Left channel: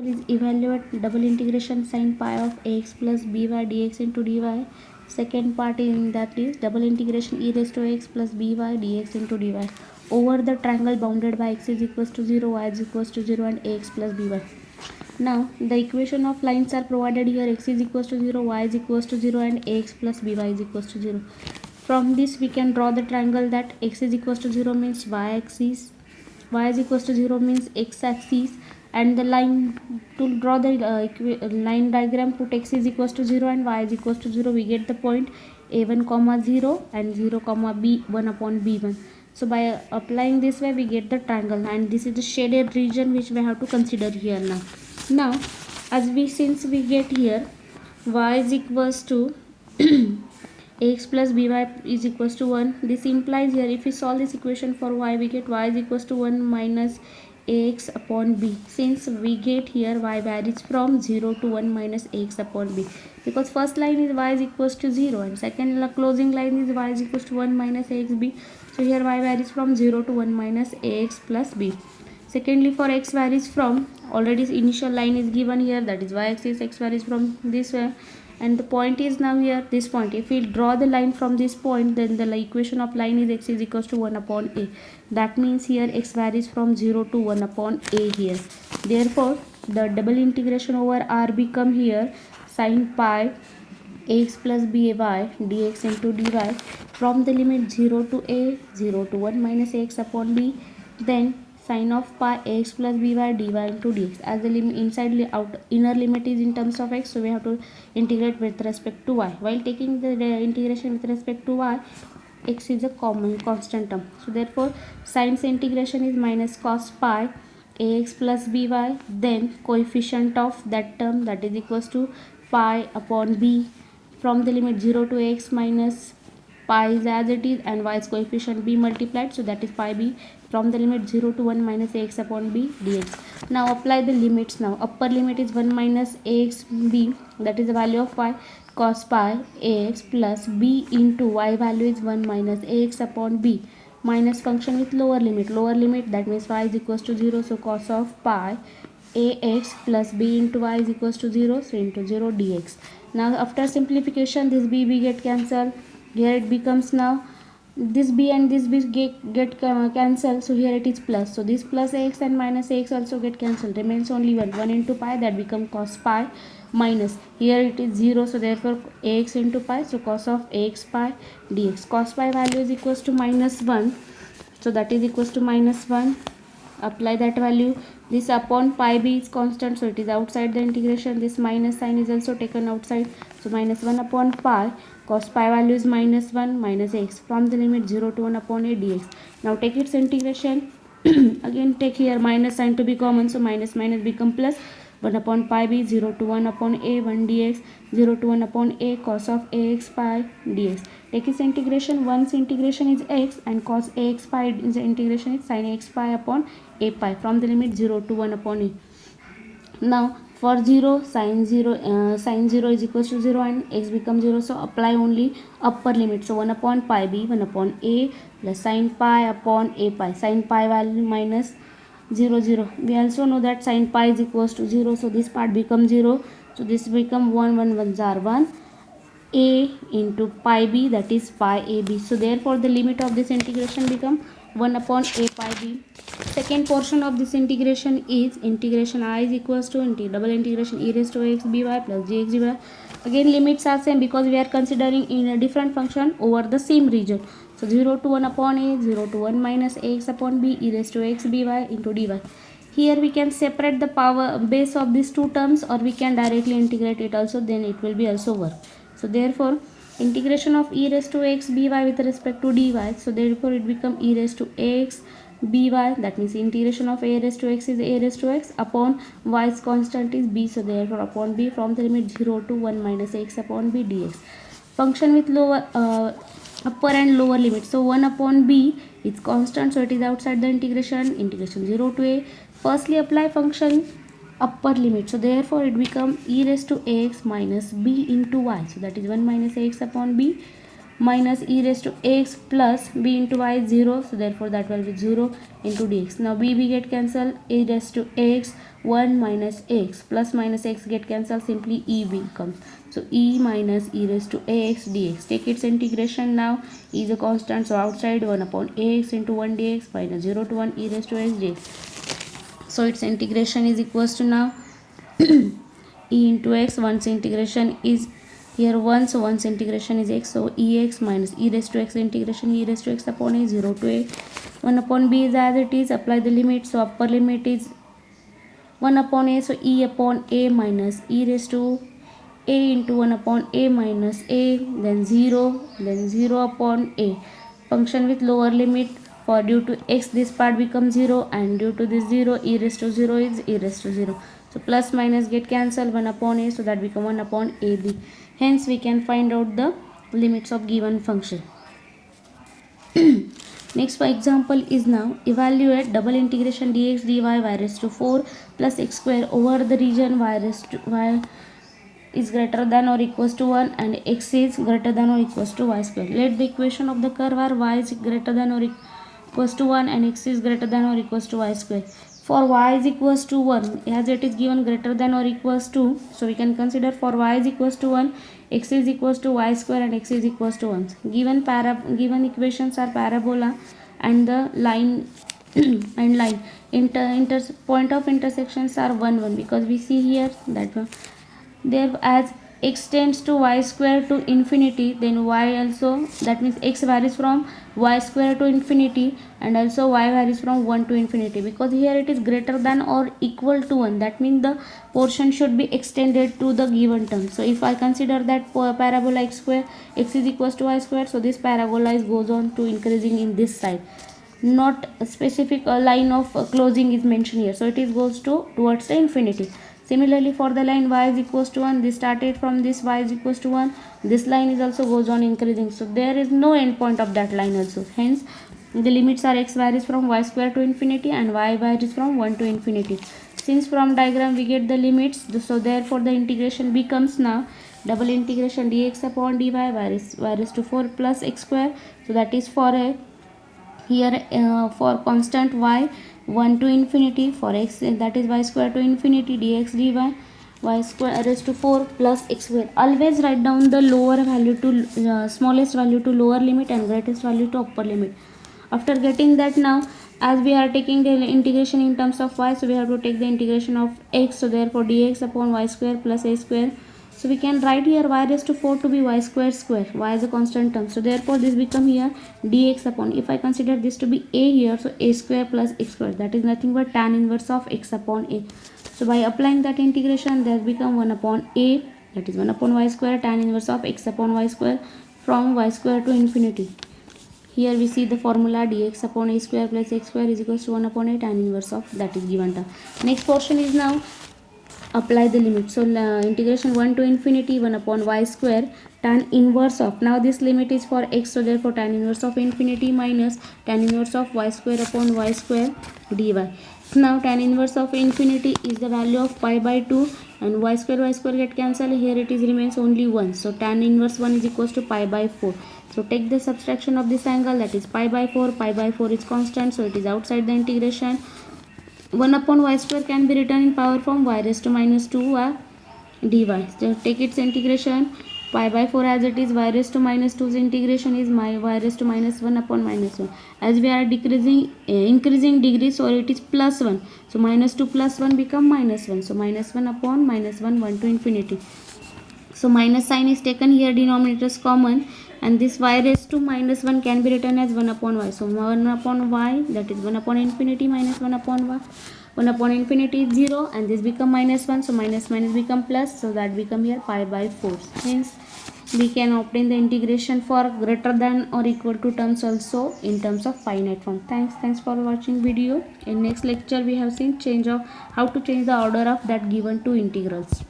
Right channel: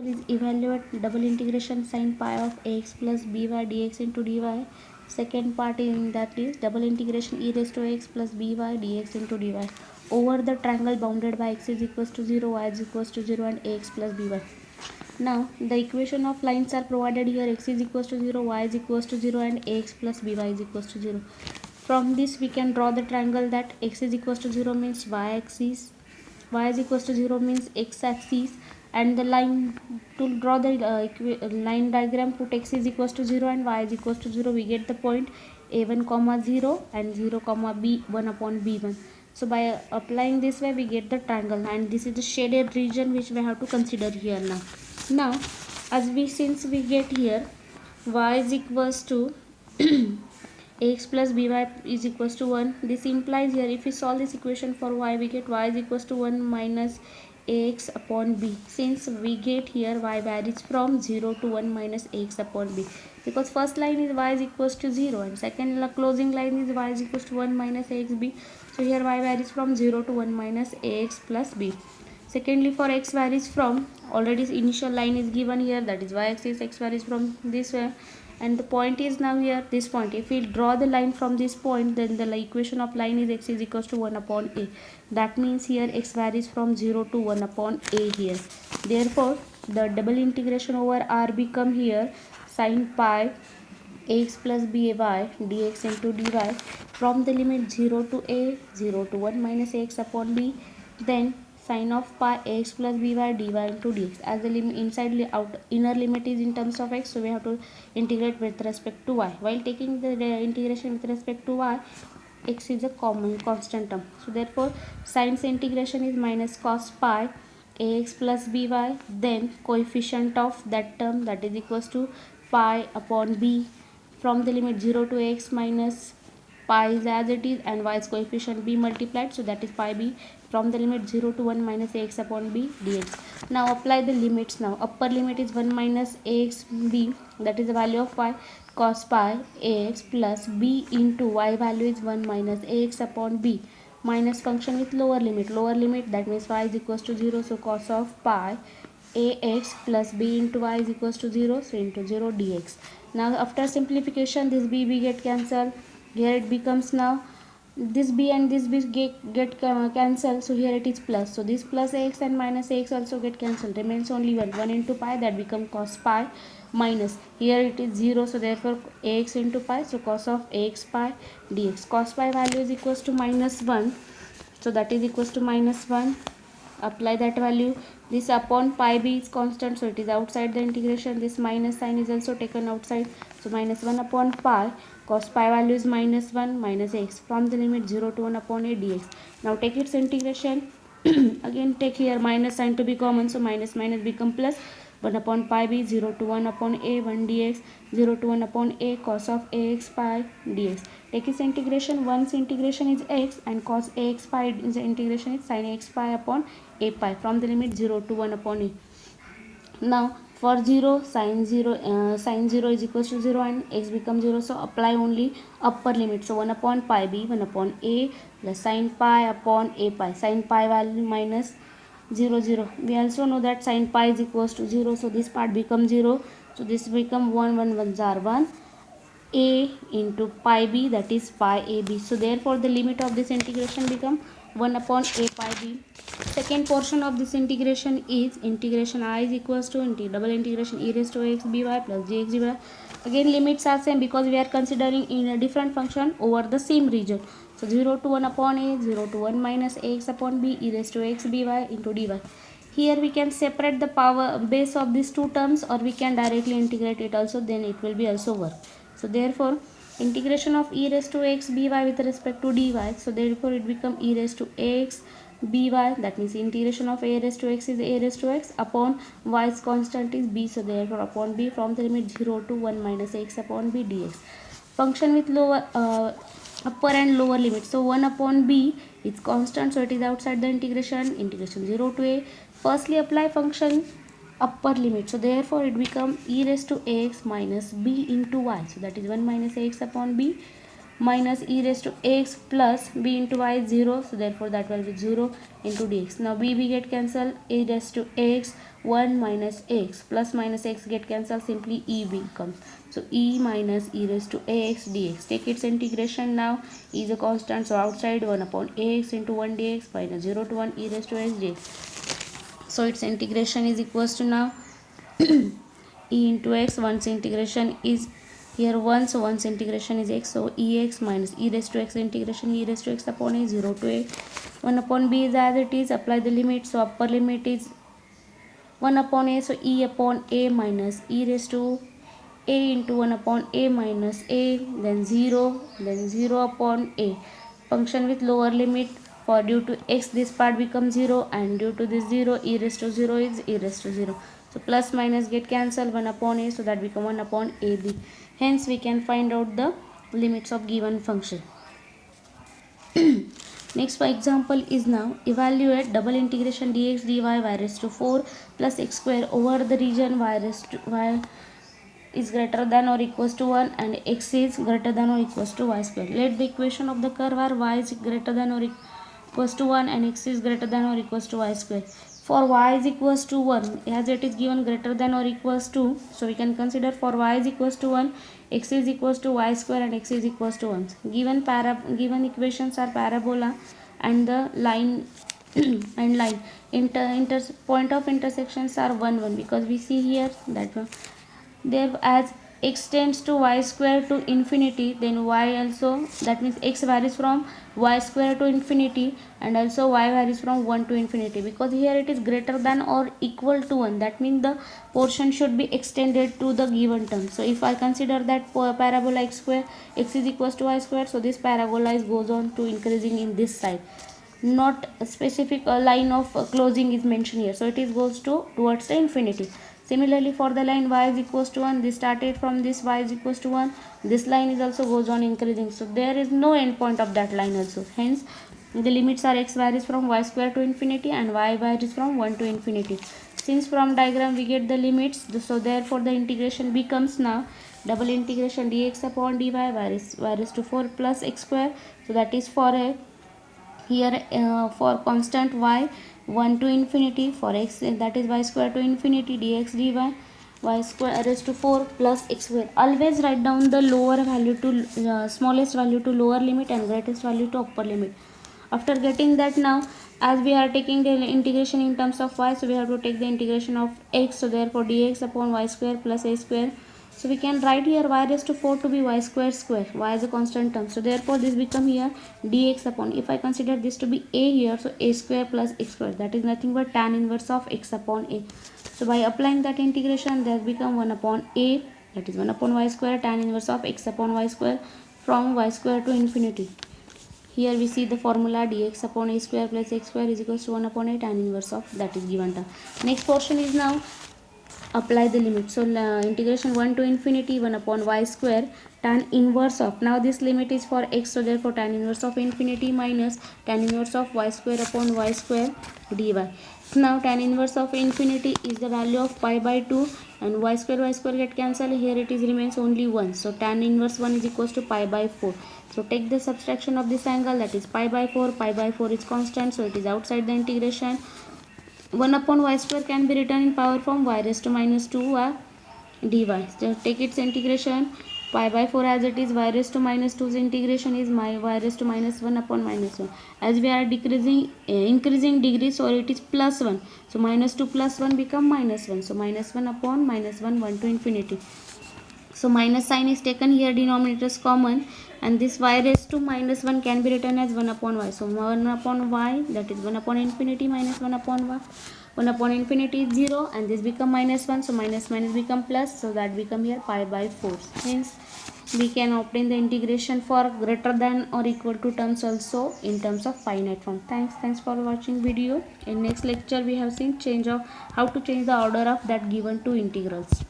Is evaluate double integration sin pi of ax plus by dx into dy. Second part in that is double integration e raised to x plus by dx into dy over the triangle bounded by x is equals to 0, y is equals to 0 and ax plus by. Now the equation of lines are provided here. X is equals to 0, y is equals to 0 and ax plus by is equals to 0. From this we can draw the triangle that x is equals to 0 means y axis, y is equals to 0 means x axis, and the line to draw the line diagram, put x is equals to 0 and y is equals to 0, we get the point a1 comma 0 and 0 comma b1 upon b1. So by applying this way we get the triangle, and this is the shaded region which we have to consider here. Now as we since we get here y is equals to ax plus by is equals to 1. This implies here if we solve this equation for y, we get y is equals to 1 minus ax upon b. Since we get here y varies from 0 to 1 minus ax upon b, because first line is y is equals to 0 and second closing line is y is equals to 1 minus ax b. So here y varies from 0 to 1 minus ax plus b. Secondly, for x varies from, already initial line is given here, that is y axis, x varies from this way, and the point is now here this point. If we draw the line from this point, then the equation of line is x is equals to 1 upon a. That means here x varies from 0 to 1 upon a here. Therefore the double integration over r become here sin pi ax plus by dx into dy from the limit 0 to a, 0 to 1 minus ax upon b, then sin of pi ax plus by dy into dx. As the limit inside out inner limit is in terms of x, so we have to integrate with respect to y. While taking the integration with respect to y, x is a common constant term, so therefore sin's integration is minus cos pi ax plus by, then coefficient of that term, that is equals to pi upon b from the limit 0 to x minus pi is as it is and y's coefficient b multiplied, so that is pi b from the limit 0 to 1 minus ax upon b dx. Now apply the limits. Now upper limit is 1 minus ax b, that is the value of y, cos pi ax plus b into y value is 1 minus ax upon b, minus function with lower limit, that means y is equals to 0, so cos of pi ax plus b into y is equals to 0, so into 0 dx. Now after simplification this b get cancelled, here it becomes now this b and this b get cancelled, so here it is plus, so this plus ax and minus ax also get cancelled, remains only 1 into pi, that become cos pi, minus here it is 0, so therefore ax into pi, so cos of ax pi dx. Cos pi value is equals to minus 1, so that is equals to minus 1. Apply that value. This upon pi b is constant, so it is outside the integration. This minus sign is also taken outside, so minus 1 upon pi, cos pi value is minus 1 minus x from the limit 0 to 1 upon a dx. Now take its integration. Again take here minus sign to be common, so minus minus become plus, 1 upon pi b, 0 to 1 upon a 1 dx, 0 to 1 upon a cos of ax pi dx. Take its integration. Once integration is x and cos ax pi is the integration is sin x pi upon a pi from the limit 0 to 1 upon e. Now for 0 sin 0 is equals to 0 and x becomes 0, so apply only upper limit, so 1 upon pi b, 1 upon a plus sin pi upon a pi, sin pi value minus 0 0. We also know that sin pi is equals to 0, so this part becomes 0, so this become 1 1 1s are 1 a into pi b, that is pi a b, so therefore the limit of this integration become 1 upon a pi b. Second portion of this integration is integration I is equals to double integration e raised to x by plus gx dy. Again limits are same because we are considering in a different function over the same region, so 0 to 1 upon a, 0 to 1 minus ax upon b e raised to x by into dy. Here we can separate the power base of these two terms, or we can directly integrate it also, then it will be also work. So therefore integration of e raised to x by with respect to dy, so therefore it become e raised to x by, that means integration of a raised to x is a raised to x upon y's constant is b, so therefore upon b from the limit 0 to 1 minus x upon b dx. Function with lower upper and lower limit, so 1 upon b is constant, so it is outside the integration 0 to a. Firstly apply function upper limit, so therefore it become e raised to x minus b into y, so that is 1 minus x upon b minus e raised to x plus b into y is 0, so therefore that will be 0 into dx. Now b get cancelled, e raised to x 1 minus x, plus minus x get cancelled, simply e becomes. So e minus e raised to ax dx. Take its integration now. E is a constant, so outside 1 upon ax into 1 dx minus 0 to 1 e raised to x dx. So its integration is equals to now e into x. Once integration is here 1, so once integration is x, so ex minus e raised to x integration e raised to x upon a, 0 to a. 1 upon b is as it is. Apply the limit, so upper limit is 1 upon a, so e upon a minus e raised to a into 1 upon a minus a, then 0 upon a. Function with lower limit, for due to x this part becomes 0, and due to this 0 e raised to 0 is e raised to 0. So plus minus get cancelled, 1 upon a, so that become 1 upon ab. Hence we can find out the limits of given function. Next for example is now evaluate double integration dx dy y raised to 4 plus x square over the region y raised to y is greater than or equals to 1 and x is greater than or equals to y square. Let the equation of the curve are y is greater than or equals to 1 and x is greater than or equals to y square. For y is equals to 1, as it is given greater than or equals to, so we can consider for y is equals to 1, x is equals to y square and x is equals to 1. Given equations are parabola and the line and line point of intersections are 1 1, because we see here that there as x tends to y square to infinity, then y also, that means x varies from y square to infinity and also y varies from 1 to infinity, because here it is greater than or equal to 1, that means the portion should be extended to the given term. So if I consider that parabola x square, x is equals to y square, so this parabola goes on to increasing in this side, not a specific line of closing is mentioned here, so it is goes to towards the infinity. Similarly for the line y is equals to 1, this started from this y is equals to 1, this line is also goes on increasing, so there is no end point of that line also. Hence the limits are x varies from y square to infinity and y varies from 1 to infinity. Since from diagram we get the limits, so therefore the integration becomes now double integration dx upon dy varies to 4 plus x square, so that is for a here for constant y 1 to infinity, for x that is y square to infinity dx dy y square raised to 4 plus x square. Always write down the lower value to smallest value to lower limit and greatest value to upper limit. After getting that, now as we are taking the integration in terms of y, so we have to take the integration of x, so therefore dx upon y square plus a square. So we can write here y raised to 4 to be y square square, y is a constant term, so therefore this become here dx upon, if I consider this to be a here, so a square plus x square, that is nothing but tan inverse of x upon a. So by applying that integration, there become 1 upon a, that is 1 upon y square tan inverse of x upon y square from y square to infinity. Here we see the formula dx upon a square plus x square is equals to 1 upon a tan inverse of that is given term. Next portion is now apply the limit. So integration 1 to infinity 1 upon y square tan inverse of, now this limit is for x, so therefore tan inverse of infinity minus tan inverse of y square upon y square dy. Now tan inverse of infinity is the value of pi by 2 and y square get cancelled, here it is remains only 1, so tan inverse 1 is equals to pi by 4. So take the subtraction of this angle, that is pi by 4 is constant, so it is outside the integration. 1 upon y square can be written in power form y raised to minus 2 dy. So take its integration, pi by 4 as it is, y raised to minus 2's integration is y raised to minus 1 upon minus 1. As we are increasing degree, so it is plus 1. So minus 2 plus 1 become minus 1. So minus 1 upon minus 1, 1 to infinity. So minus sign is taken here, denominator is common, and this y raised to minus 1 can be written as 1 upon y. So 1 upon y, that is 1 upon infinity minus 1 upon y. 1 upon infinity is 0 and this become minus 1, so minus minus become plus, so that become here pi by 4. Hence we can obtain the integration for greater than or equal to terms also in terms of finite form. Thanks for watching video. In next lecture we have seen how to change the order of that given two integrals.